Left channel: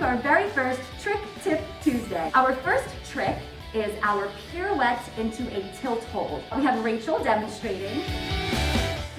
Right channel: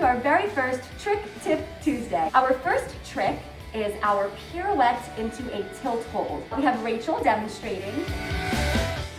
to our very first Trick Tip Tuesday. Our first trick is our pirouette into a tilt hold. We have Rachel demonstrating,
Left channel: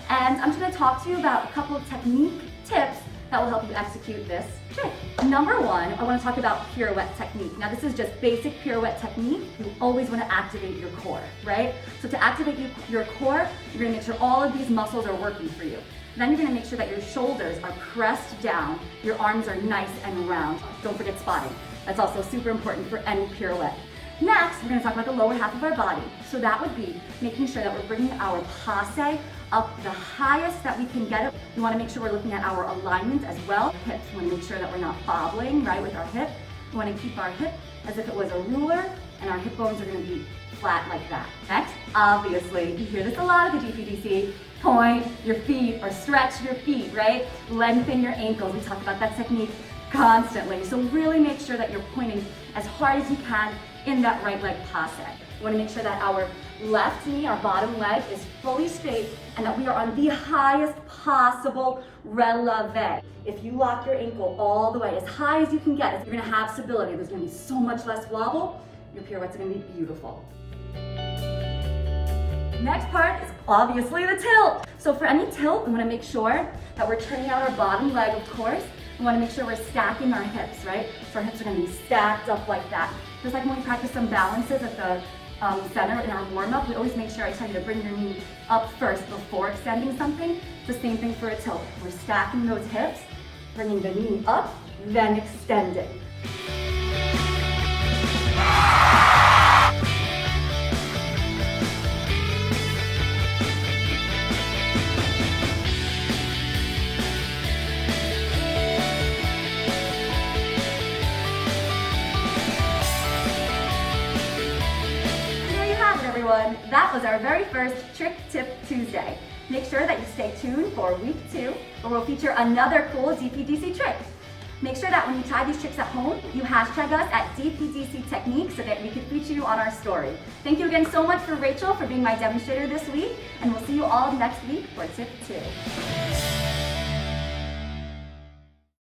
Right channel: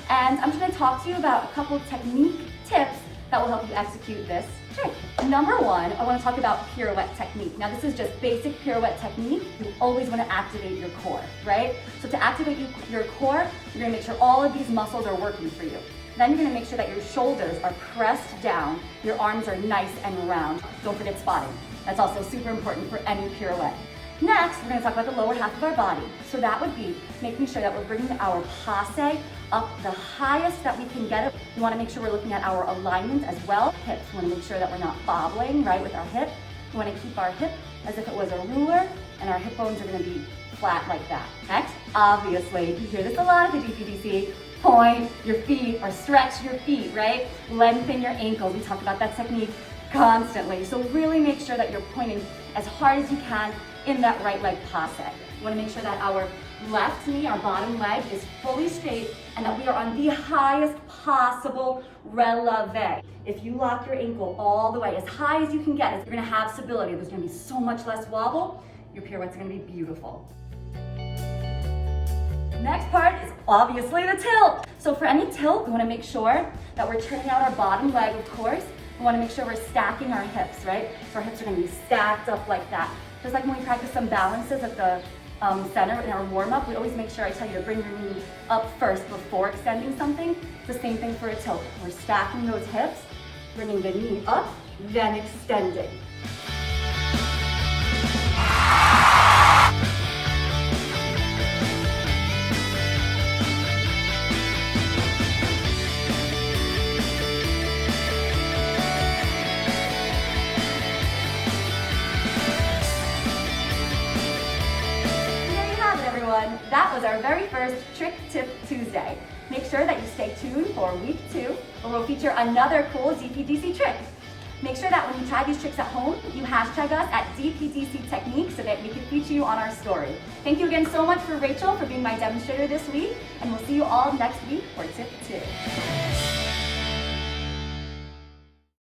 and I'm going to talk to you about a couple of technique tips that will help you execute this trick. Number one, I want to talk about pirouette technique. Now this is just basic pirouette technique. You always want to activate your core, right? So to activate your core, you're going to make sure all of these muscles are working for you. Then you're going to make sure that your shoulders are pressed down, your arms are nice and round. Don't forget spotting. That's also super important for any pirouette. Next, we're going to talk about the lower half of our body. So that would be making sure that we're bringing our passe up the highest that we can get it. We want to make sure we're looking at our alignment as well. Hips, we want to make sure that we're not bobbling, right, with our hip. We want to keep our hip as if it was a ruler, and our hip bones are going to be flat like that. Next, obviously, you hear this a lot at the DPDC, point your feet or stretch your feet, right? Lengthen your ankles. We talk about that technique constantly. So really make sure that you're pointing as hard as you can in that right leg passe. We want to make sure that our left knee, our bottom leg, is fully straight and that we are on the highest possible releve. If you lock your ankle all the way as high as you can get, you're going to have stability. There's going to be so much less wobble. Your pirouette's going to be beautiful. Next part is obviously the tilt. So for any tilt, we want to make sure that we're turning out our bottom leg, of course. We want to make sure we're stacking our hips, right? So our hips are going to be stacked up like that. Just like when we practice some balances at the center in our warm-up, we always make sure I tell you to bring your knee up first before extending something. It's the same thing for a tilt. We're stacking those hips, bringing the knee up, then extending. That was our very first Trick Tip Tuesday. Make sure that you stay tuned for week 2, where we'll feature another cool DPDC trick. Make sure that when you try these tricks at home, you hashtag us at DPDC Technique so that we can feature you on our story. Thank you again so much for Rachel for being my demonstrator this week, and we'll see you all next week for Tip 2.